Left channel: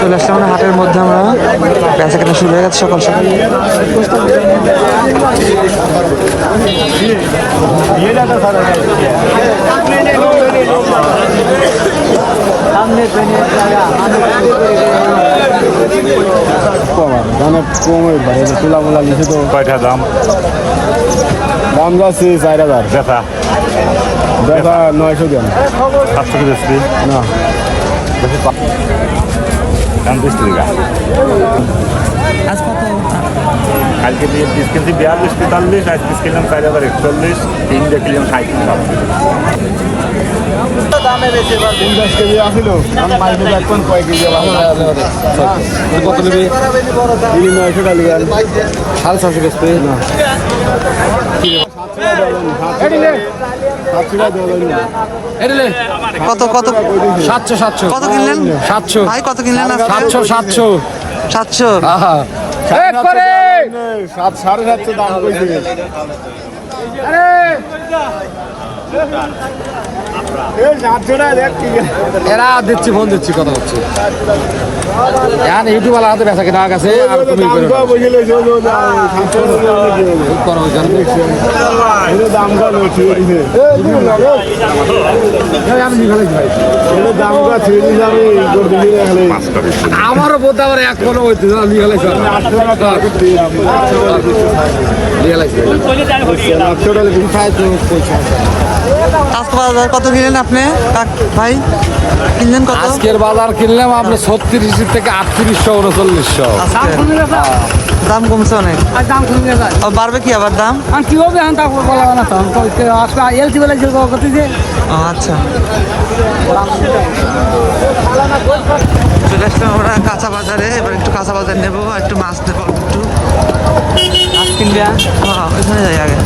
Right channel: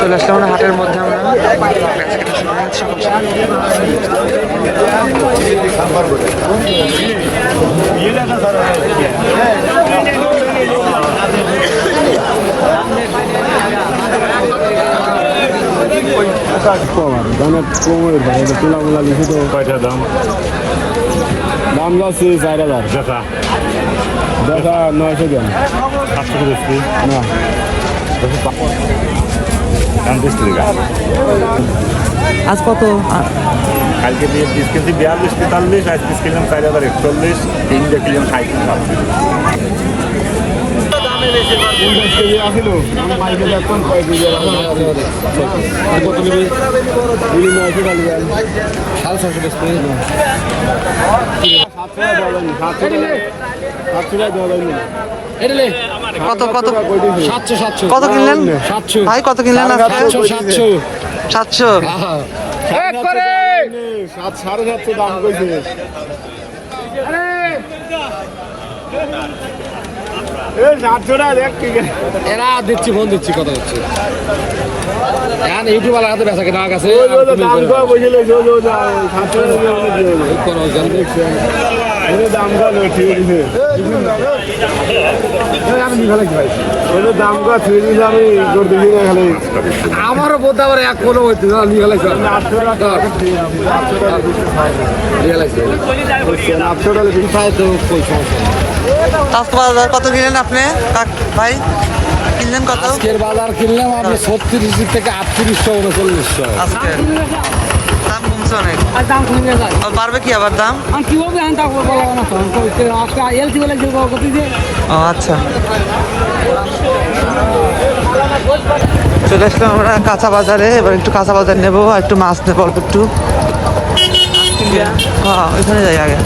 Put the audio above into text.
চলে আসলাম আমরা হাটের মধ্যে আমরা। বেচা কেনা শুরু হয়ে যাচ্ছে সকাল সকাল। কমার দানে কমের ভাই তুলা মুলা লিখে তো। কয়টা দাম? দাম যাচ্ছে চার হাজার। দেখা দেখা নয়শো কেন সাতশো বেশি না দাম টাকা। আজ কত? কালকে দিয়ে পিস কিনছি বিয়াল্লিশ তেতাল্লিশ আজ পিস কিনলাম চার হাজার একচল্লিশ তিন কিনলাম সাঁত্রিশ পঞ্চাশ কেজি আসিল আমি মাইকে দেখবেন কয় কেজি কত নিবি দিবি নয়শো টাকা লিগান সাড়ে ছশো না সাতশো। টাকা দেওয়া কত কত সাতশো সাতশো। কত কিনলেন সাতশো। ভাই কত কিনলেন সাতশো সাতশো সাতশো। সাত সাড়ে সাতশো দাম কইছে। এরা দিচ্ছি ফোন দিচ্ছি কথা হচ্ছে এখন ইউটিউব হাতে বেচা কেনা গেছে দিবি আমারও বোধ আবার এক কোনো হইতে আটশো টাকা আজকে বাজার কত কিনলেন আপনি? ভাই কিনলেন কত? আজকের বাজার কিনলাম আপনি ছত্রিশ থেকে আটত্রিশশো উনচল্লিশশো আজকে দাম কমছে অনেক। আর দাম কমে গেছে আর বাড়বে কি আবার দাম? আর কি হবে এখন তা বলা না তো? আজকে এলসি বেলা যে করতেছে ও আচ্ছা। চলে আসলাম আমরা কাঁচা বাজারে। এবার একটু কাঁচা বাজার নেব আর একটু মাছ নেব অল্প একটু। হ্যাঁ ওইখানে যাই আগে।